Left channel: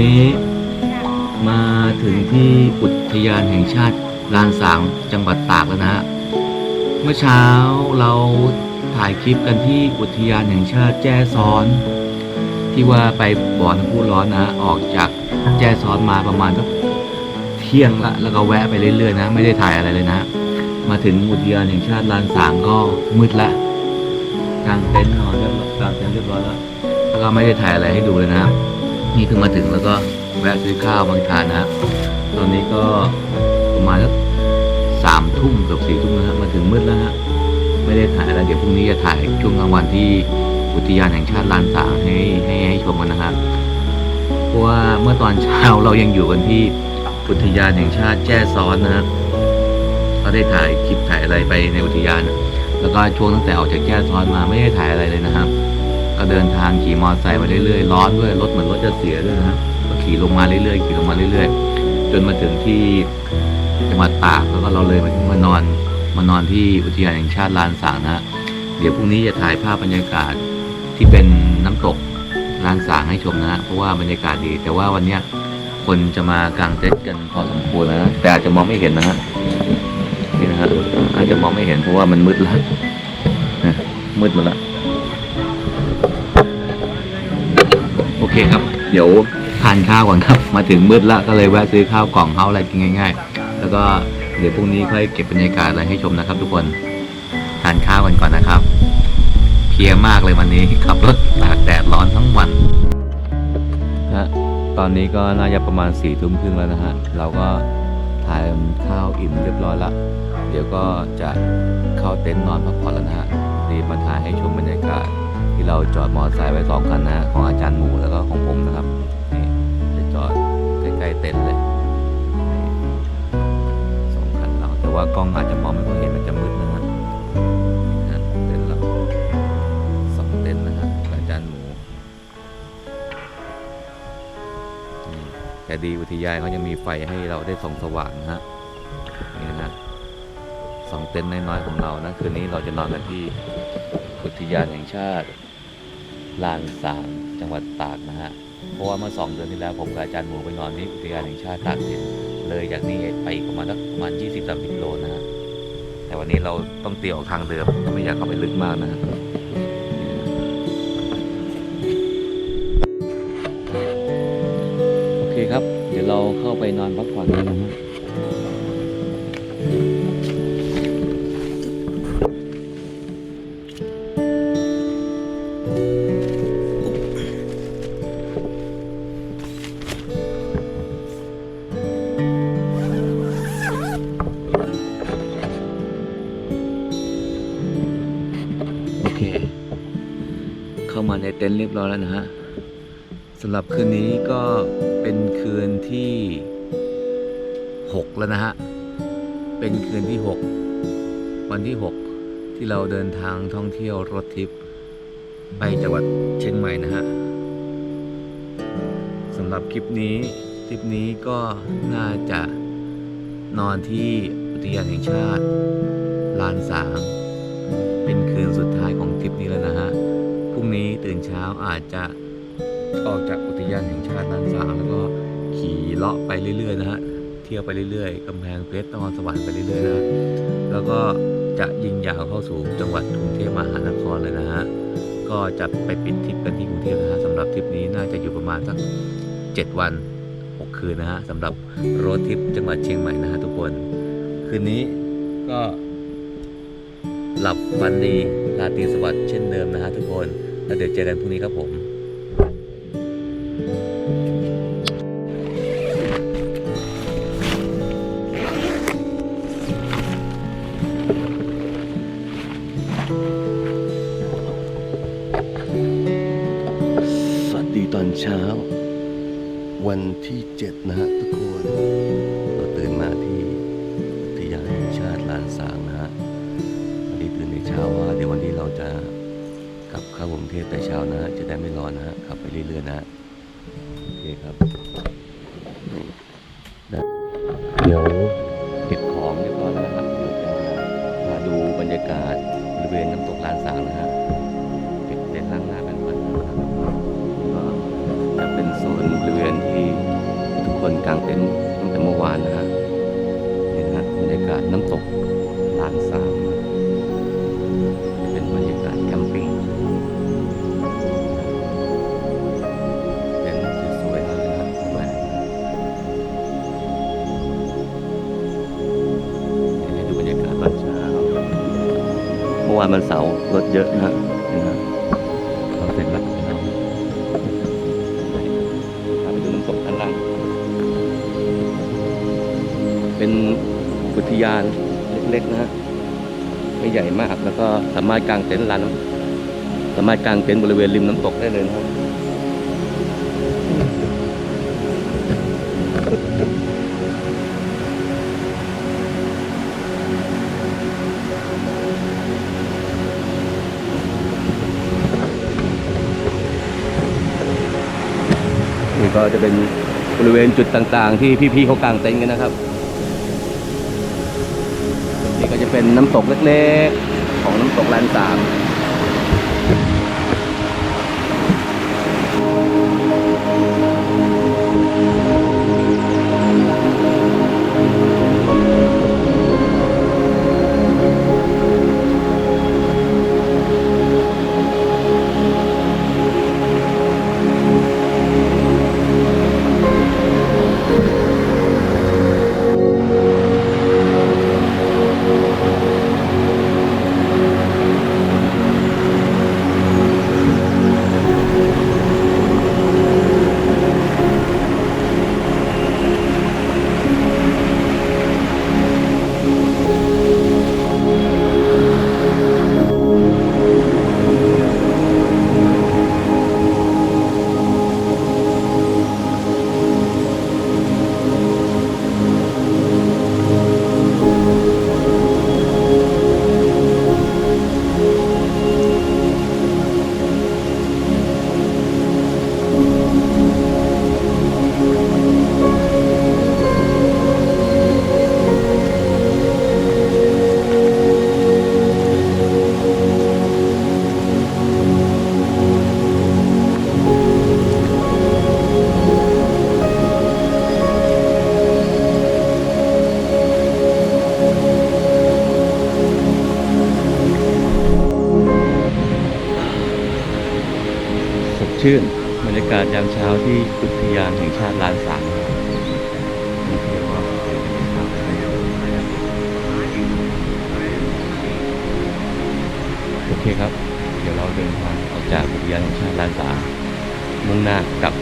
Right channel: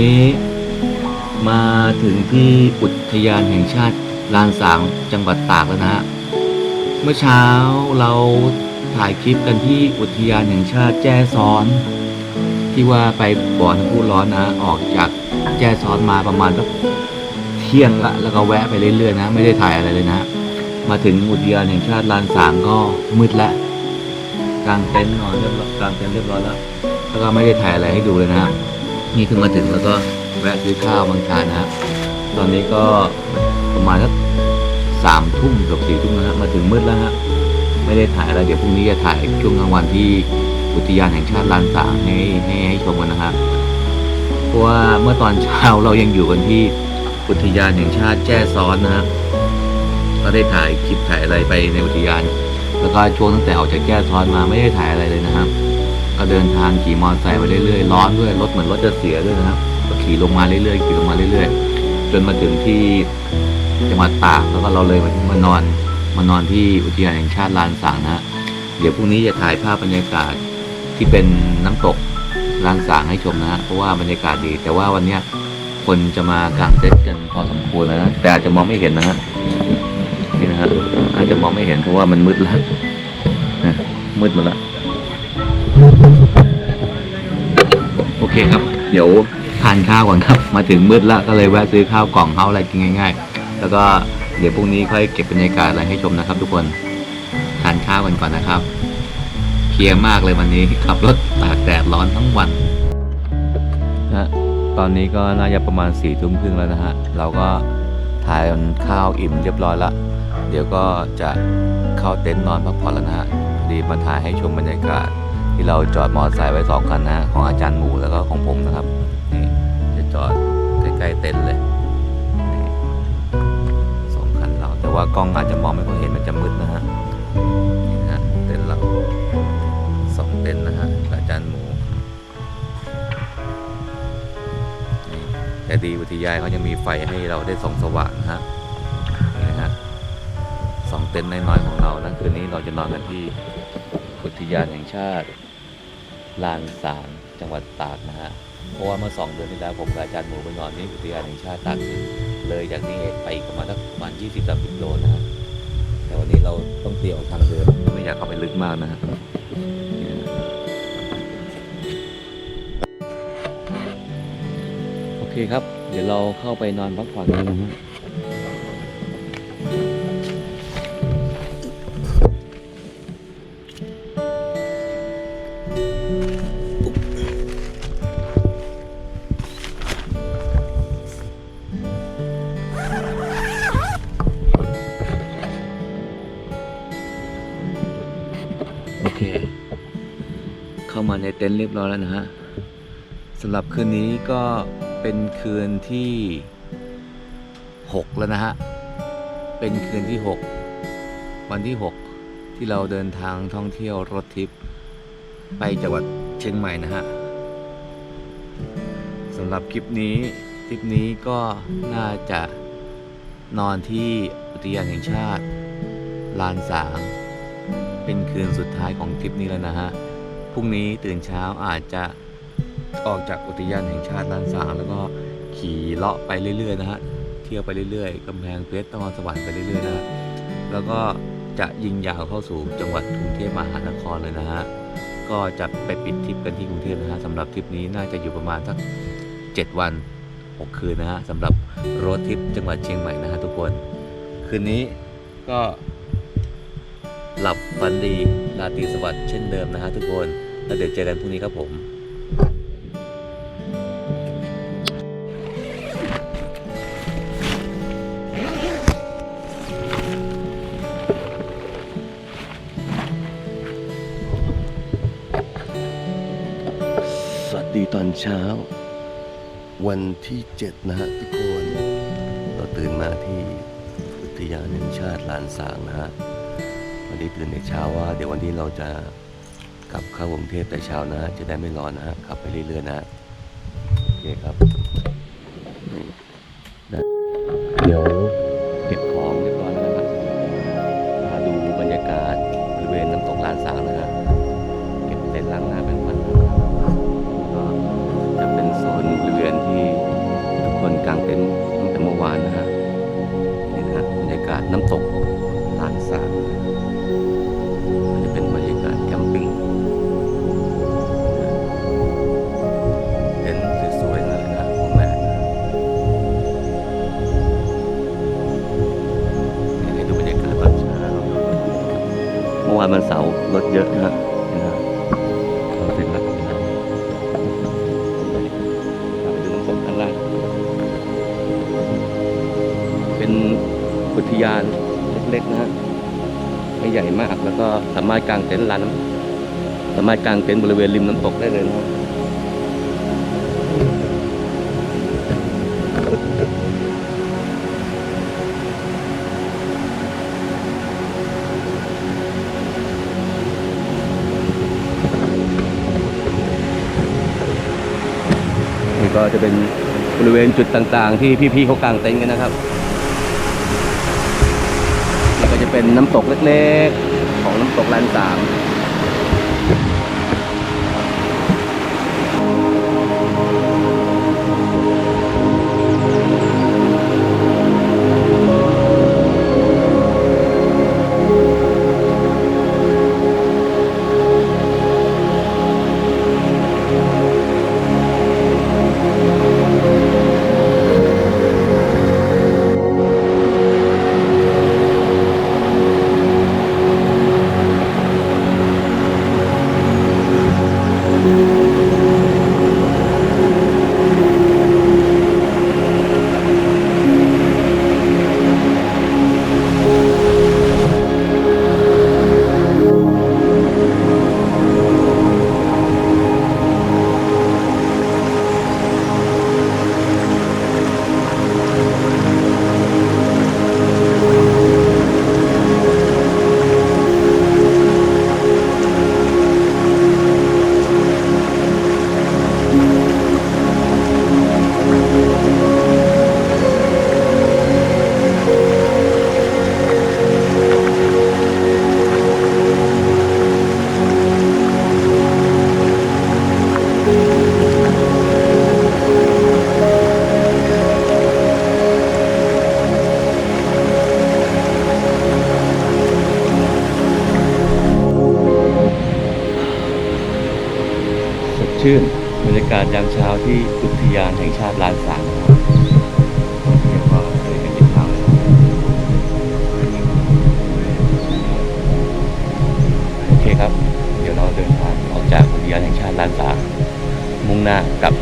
นี้มาถึงที่อุทยานแห่งชาติลานสางจังหวัดตากแล้วนะฮะ เมื่อเช้าเราถ่ายคลิปกันที่อุทยานแห่งชาติแจ้ซ้อน ที่ว่าไปบ่อน้ำพุร้อนนะ ออกจากแจ้ซ้อนมาประมาณสักเที่ยงละแล้วก็แวะไปเรื่อยๆนะ ไม่ได้ถ่ายอะไรเลยนะ มาถึงอุทยานแห่งชาติลานสางก็มืดละกลางเต็นท์นอนเรียบร้อยกลางเต็นท์เรียบร้อยแล้วแล้วก็ไม่ได้ถ่ายอะไรให้ดูเลยนะครับ นี่คือมาถึงแล้วก็แวะซื้อข้าวบางทานนะครับ ตอนนี้ก็ประมาณสักสามทุ่มกือบสี่ทุ่มนะฮะมาถึงมืดแล้วฮะไม่ได้ถ่ายอะไรเดี๋ยวพรุ่งนี้จะถ่ายช่วงกลางวันที่อุทยานแห่งชาติลานสางให้ให้ให้ชมกันนะครับเพราะว่าเมื่อตอนเช้าเรายังอยู่กันที่อุทยานแห่งชาติแจ้ซ้อนนะฮะก็ได้ถ่ายคลิปถ่ายอะไรไปในอุทยาน แล้วก็ช่วงตั้งแต่ออกจากแจ้ซ้อนมาไม่ได้ถ่ายอะไรเลยนะครับ ก็เดินทางขี่มอเตอร์ไซค์ไปเรื่อยๆร้อนด้วยรถเหมือนรถจะเสียด้วยนะครับก็ขี่ลงมาเรื่อยๆขี่ลงมาเรื่อยๆ จนมาถึงที่จังหวัดตากแล้วก็เราเลยมามานอนมานอนที่อุทยานแห่งชาติลานสางนะเดี๋ยวพรุ่งนี้จะถ่ายภาพบรรยากาศที่เป็นน้ำตกลานสางให้ชมนะเพราะว่าบรรยากาศดี แต่ว่าวันเนี้ยคนจะมากางเต็นท์กันพอสมควรนะแต่อาจจะมองไม่เห็นนะฮะนี่นะฮะอาจจะมองไม่เห็นเพราะว่ามันมืดแล้วมืดหมดแล้ว โอเคครับ เดี๋ยวทานข้าวก่อนครับ มาถึงมืดแล้วก็เลยแวะซื้อข้าวกล่องเฮาอะไรกินง่าย ๆ แล้วก็เดี๋ยวพรุ่งนี้ค่อยเก็บบรรยากาศอะไรให้ชมนะครับ ทุกคนทานข้าวกันก่อนนะครับ เพลียมากเลยวันนี้ขับรถตากแดดร้อนทั้งวันฮะตอนนี้ก็น่าจะประมาณสี่ทุ่มครึ่งแล้วนะฮะ เราก็ทานข้าวอิ่มเรียบร้อยละ เดี๋ยวก็จะเข้าเต็นท์นอนพักผ่อนแล้วนะฮะดีมาถ่ายให้ชมบรรยากาศ ที่เราจอดมอเตอร์ไซค์ไว้สองคันนะของอาจารย์หมูแล้วก็ของผมนะครับนี่จะจอดใกล้ๆเต็นท์เลยสองคันเราแต่ว่ากล้องอาจจะมองไม่ค่อยเห็นมันจะมืดนะฮะนี่ฮะเต็นท์เราสองเต็นท์นะฮะอาจารย์หมูนี่แต่ดีอุทยานเขายังมีไฟให้เราได้ส่องสว่างนะฮะนี่นะฮะสองเต็นท์น้อยๆของเรานะคืนนี้เราจะนอนกันที่อุทยานแห่งชาติ ลานสางจังหวัดตากนะฮะ เพราะว่าเมื่อสองเดือนที่แล้วผมกับอาจารย์หมูไปนอนที่อุทยานแห่งชาติตากสิน เลยจากนี้ไปอีกประมาณสักประมาณ 20-30 โลนะฮะ แต่วันนี้เราต้องเตี่ยวทางเดิมก็ไม่อยากเข้าไปลึกมากนะฮะนี่นะโอเคครับ เดี๋ยวเราเข้าไปนอนพักผ่อนกันนะฮะ ต็นท์เรียบร้อยแล้วนะฮะสำหรับคืนนี้ก็เป็นคืนที่ 6 แล้วนะฮะ เป็นคืนที่ 6 วันที่ 6 ที่เราเดินทางท่องเที่ยวรถทริปไปจังหวัดเชียงใหม่นะฮะสำหรับคลิปนี้ทริปนี้ก็น่าจะนอนที่อุทยานแห่งชาติ ลานสาง เป็นคืนสุดท้ายของทริปนี้แล้วนะฮะ พรุ่งนี้ตื่นเช้าอาจจะออกจากอุทยานแห่งชาติลานสางแล้วก็ขี่เลาะไปเรื่อยๆนะฮะเที่ยวไปเรื่อยๆกำแพงเพชรตะวันสวรรค์ไปเรื่อยๆนะฮะแล้วก็จะยิงยาวเข้าสู่จังหวัดกรุงเทพมหานครเลยนะฮะก็จะไปปิดทริปกันที่กรุงเทพนะฮะสำหรับทริปนี้น่าจะอยู่ประมาณสัก 7 วัน 6 คืนนะฮะสำหรับรถทริปจังหวัดเชียงใหม่นะฮะทุกคน คืนนี้ก็ หลับฝันดีราตรีสวัสดิ์เช่นเดิมนะฮะทุกคน แล้วเดี๋ยวเจอกันพรุ่งนี้ครับผมสวัสดีตอนเช้า วันที่เจ็ดนะฮะทุกคน เราตื่นมาที่อุทยานแห่งชาติลานสางนะฮะีตื่นในเช้าว่า เดี๋ยววันนี้เราจะกลับเข้ากรุงเทพแต่เช้านะ จะได้ไม่ร้อนนะฮะขับไปเรื่อยๆนะฮะโอเคครับเดี๋ยวเก็บของเรียบร้อยแล้วนะครับเดี๋ยวจะมาดูบรรยากาศบริเวณน้ำตกลานสางนะฮะเก็บเต็นท์ล้างหน้าแปรงฟันน้ำแล้วก็จะเป็นโซนบริเวณที่ทุกคนกางเต็นท์ตั้งแต่เมื่อวานนะฮะนี่นะฮะบรรยากาศน้ำตกลานสางนะ เมื่อวานมันเสาร์รถเยอะนะฮะเห็นไหมเราเสร็จแล้วพาไปดูน้ำตกด้านล่าง เป็นอุทยานเล็กๆนะฮะไม่ใหญ่มากแล้วก็สามารถกางเต็นท์ลานน้ำสามารถกางเต็นท์บริเวณริมน้ำตกได้เลยนะครับ ก็จะเป็นบริเวณจุดต่างๆ ที่พี่ๆเขากางเต็นท์กันนะครับ นี่ก็จะเป็นน้ำตกเล็กๆ ของน้ำตกลานสาม ชื่น บรรยากาศยามเช้าที่อุทยานแห่งชาติลานสางนะครับเที่ยวก็เดินกันที่เช้าโอเคครับ เดี๋ยวเราเดินทางออกจากอุทยานแห่งชาติลานสางมุ่งหน้ากับ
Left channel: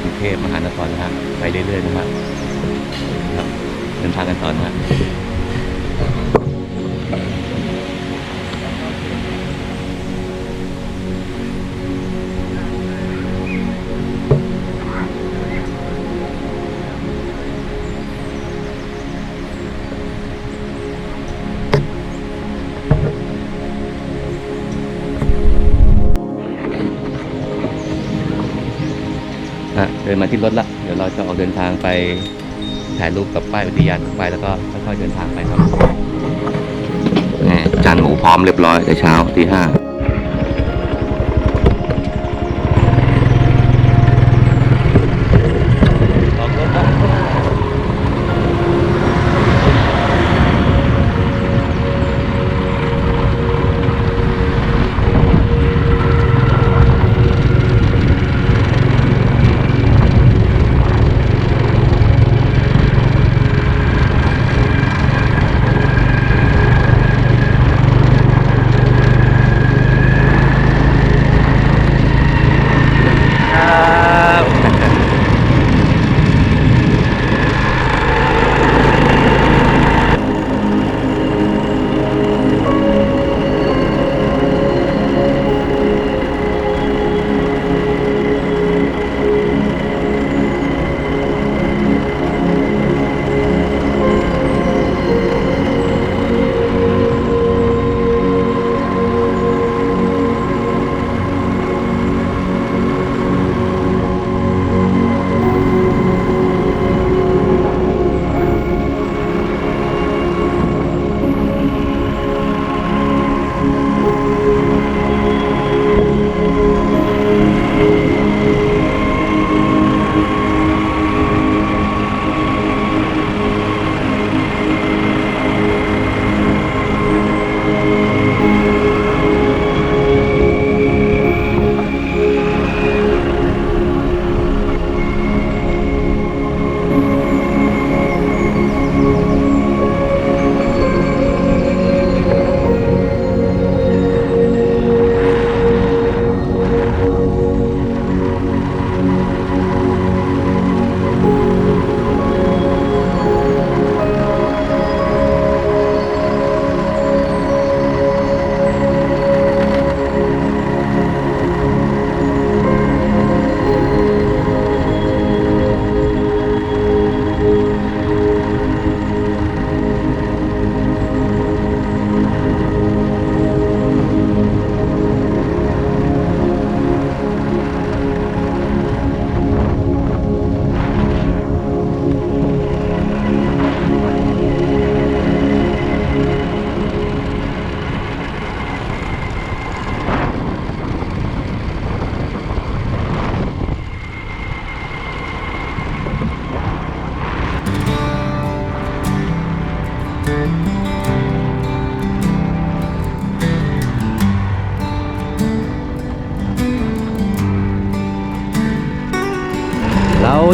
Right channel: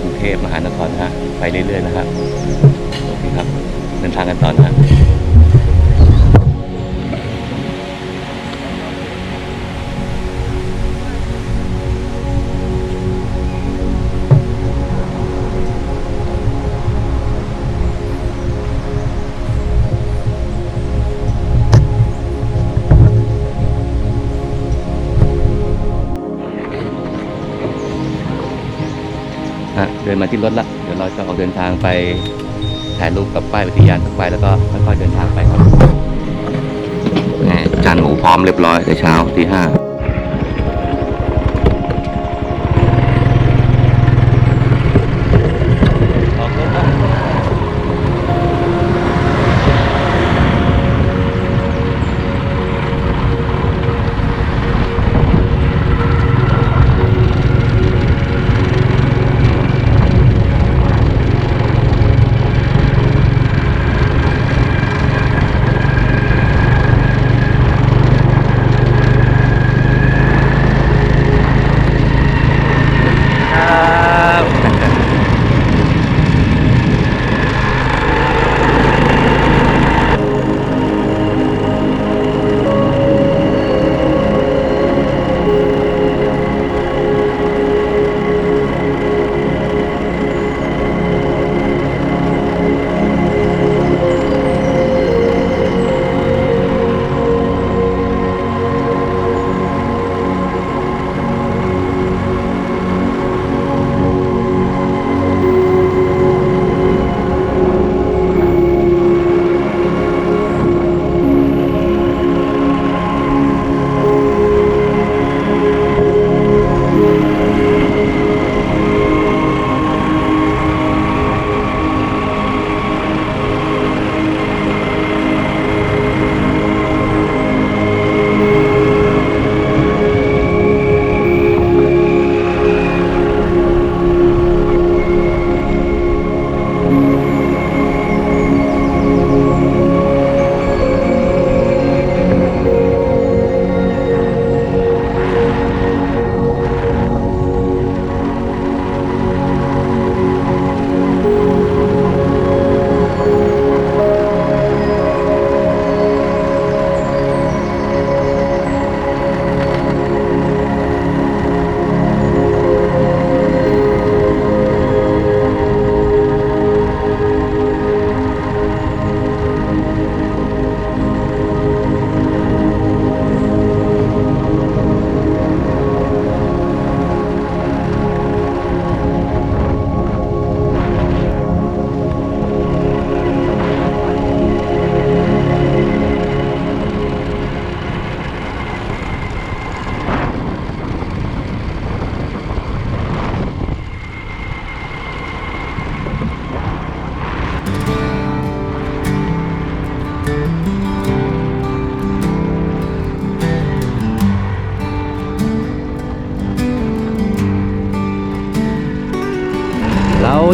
กรุงเทพมหานครนะฮะไปเรื่อยๆนะฮะโอเคครับ เดินทางกันต่อนะฮะ ฮะเดินมาที่รถละเดี๋ยวเราจะออกเดินทางไปถ่ายรูปกับป้ายอุทยานสักไปแล้วก็ค่อยๆเดินทางไปครับจานหมูพร้อมเรียบร้อยแต่เช้าที่ห้า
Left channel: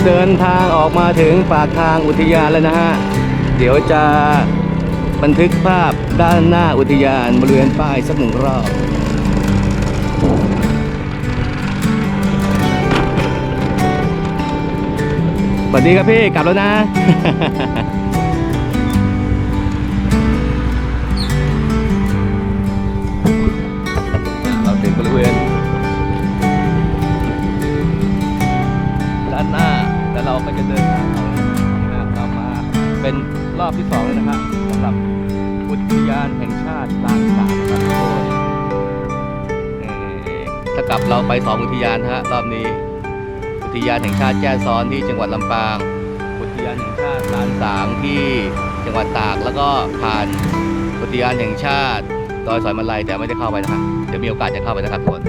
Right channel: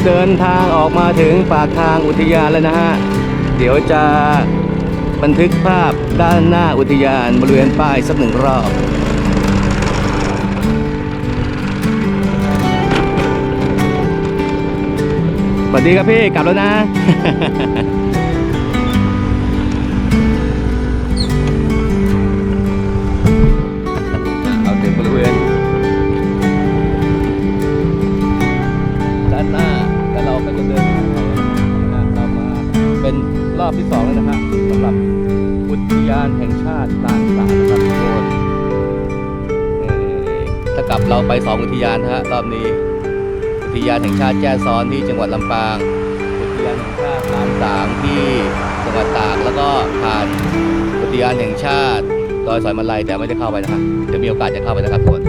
เดินทางออกมาถึงปากทางอุทยานแล้วนะฮะ เดี๋ยวจะบันทึกภาพด้านหน้าอุทยานบริเวณป้ายสักหนึ่งรอบสวัสดีครับพี่กลับแล้วนะานแห่าติลานสานะครับทุกคนเอ่อถ้ากลับเราไปสองอุทยานนะฮะรอบนี้ อุทยานแห่งชาติแจ้ซ้อนที่จังหวัดลำปาง อุทยานแห่งชาติลานสางที่จังหวัดตากแล้วก็ผ่านอุทยานแห่งชาติดอยสอยมาลัยแต่ไม่ได้เข้าไปนะฮะเดี๋ยวมีโอกาสจะเข้าไปนะครับทุกคน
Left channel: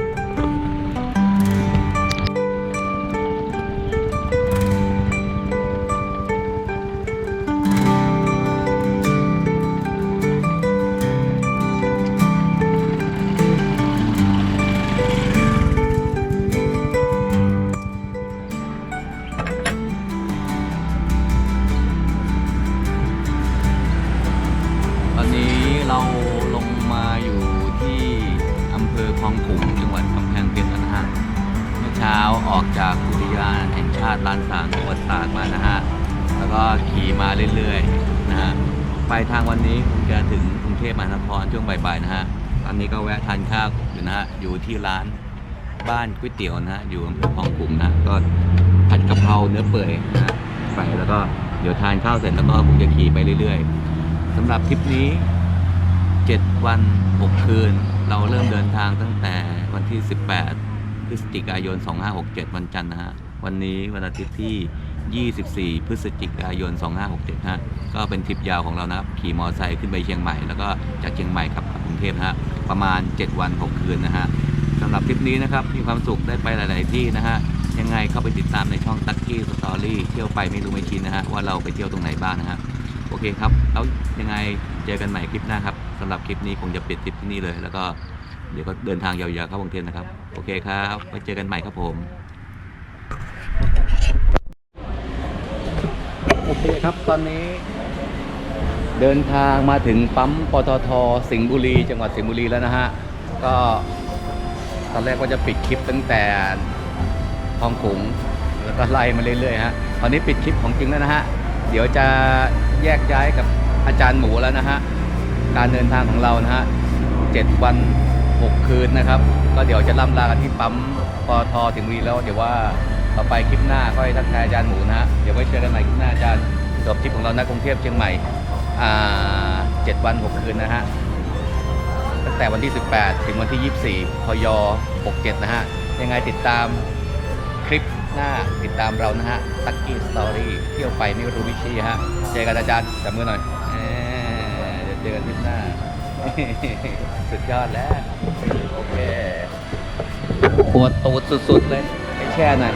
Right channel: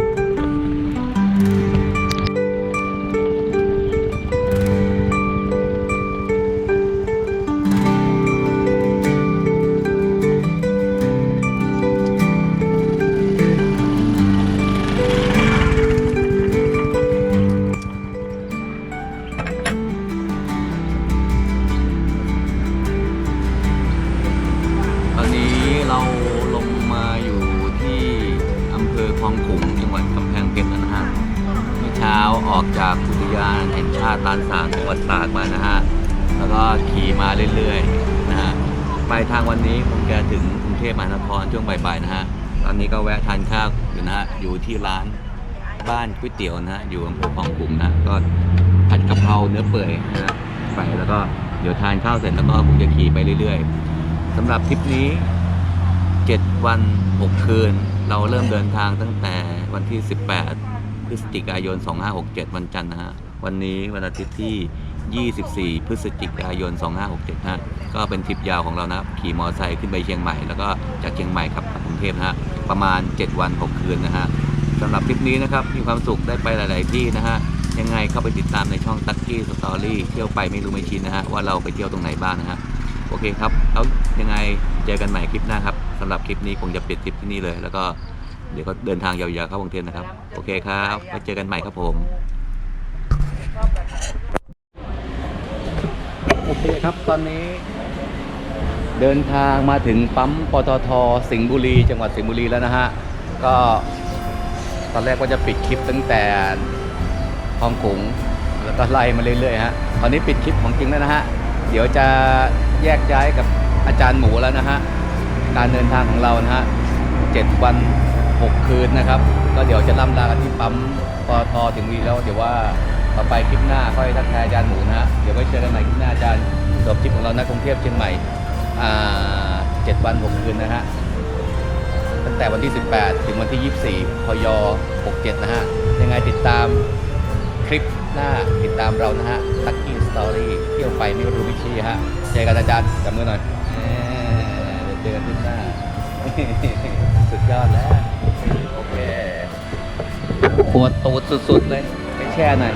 อยู่ที่ร้านบ้านก๋วยเตี๋ยวนะฮะอยู่อำเภอคลองขุงนะก็ผัดกะเพราเนื้อเปื่อยนะไปแล้วก็เดี๋ยวทานข้าวเสร็จแล้วก็คงจะขี่ไปเรื่อยๆสำหรับทริปนี้ 7 วัน 6 คืน เราเริ่มเดินทางตั้งแต่วันที่ 18 พฤศจิกายน 2567 วันจันทร์นะฮะวันนี้วันอาทิตย์ที่ 24 พฤศจิกายน 2567ฮะก็เป็นทริปยาวของเรานะครับขี่มอเตอร์ไซค์ขึ้นไปเชียงใหม่ แล้วก็จากเชียงใหม่ขับกลับ ทพนะฮะประมาณ 7 วัน 6 คืนนะฮะสำหรับทริปนี้นะครับมีความสุขได้ไปหลาย ๆ ที่นะฮะยังไงเข้าไปติดตามในช่องตักกี้สตอรี่เที่ยวไปไม่รู้ไม่ชินนะฮะว่าเราไปเที่ยวตรงไหนบ้างนะฮะโอเคครับแล้วยังไงเจอกันใหม่คลิปหน้าครับสำหรับคลิปนี้คงจะปิดทริปที่นี่เลย แล้วก็เดี๋ยวก็เดินทางยาวๆเข้ากรุงเทพนะครับโอเคครับไว้เจอกันใหม่ครับผมโอเคครับตอนนี้ เดินทางมาถึงปั๊มปตทสิงห์บุรี จังหวัดสิงห์บุรีแล้วนะฮะ ก็ตอนแรกว่าจะปิดคลิปตั้งแต่คลองขุงแล้วก็ไล่มาเรื่อยๆฮะ ตอนนี้ปิดคลิปของจริงแล้วนะฮะ เดี๋ยวจะแยกย้ายกับอาจารย์หมูแล้วนะฮะ การเดินทางของเรานะฮะเจ็ดวันหกคืนนะครับ ก็เดี๋ยวจะล่ำลากันที่ปั๊มปตทถึงห์บุรีแล้วเดี๋ยวว่าต่อไปคลิปหน้าค่อยทักทายอาจารย์หมูนะฮะ เดี๋ยวไว้เจอกันใหม่คลิปหน้าอาจารย์จบทริปของเรานะกรุงเทพเชียงใหม่ เจ็ดวันหกคืนนะฮะตั้งแต่วันที่ 18 ถึงวันที่ 24 พย 67 นะฮะ ยังไงติดตามคลิปหน้าติดตามเรานะฮะตักกี้สตอรี่เที่ยวไปไม่รู้วิชีฮะ เจอกันอาจารย์จับมือหน่อยเดี๋ยวเจอกันที่หน้า สุดยอดแล้ว โอเคปวดตูดสุดๆเลยไปแช่หน่อย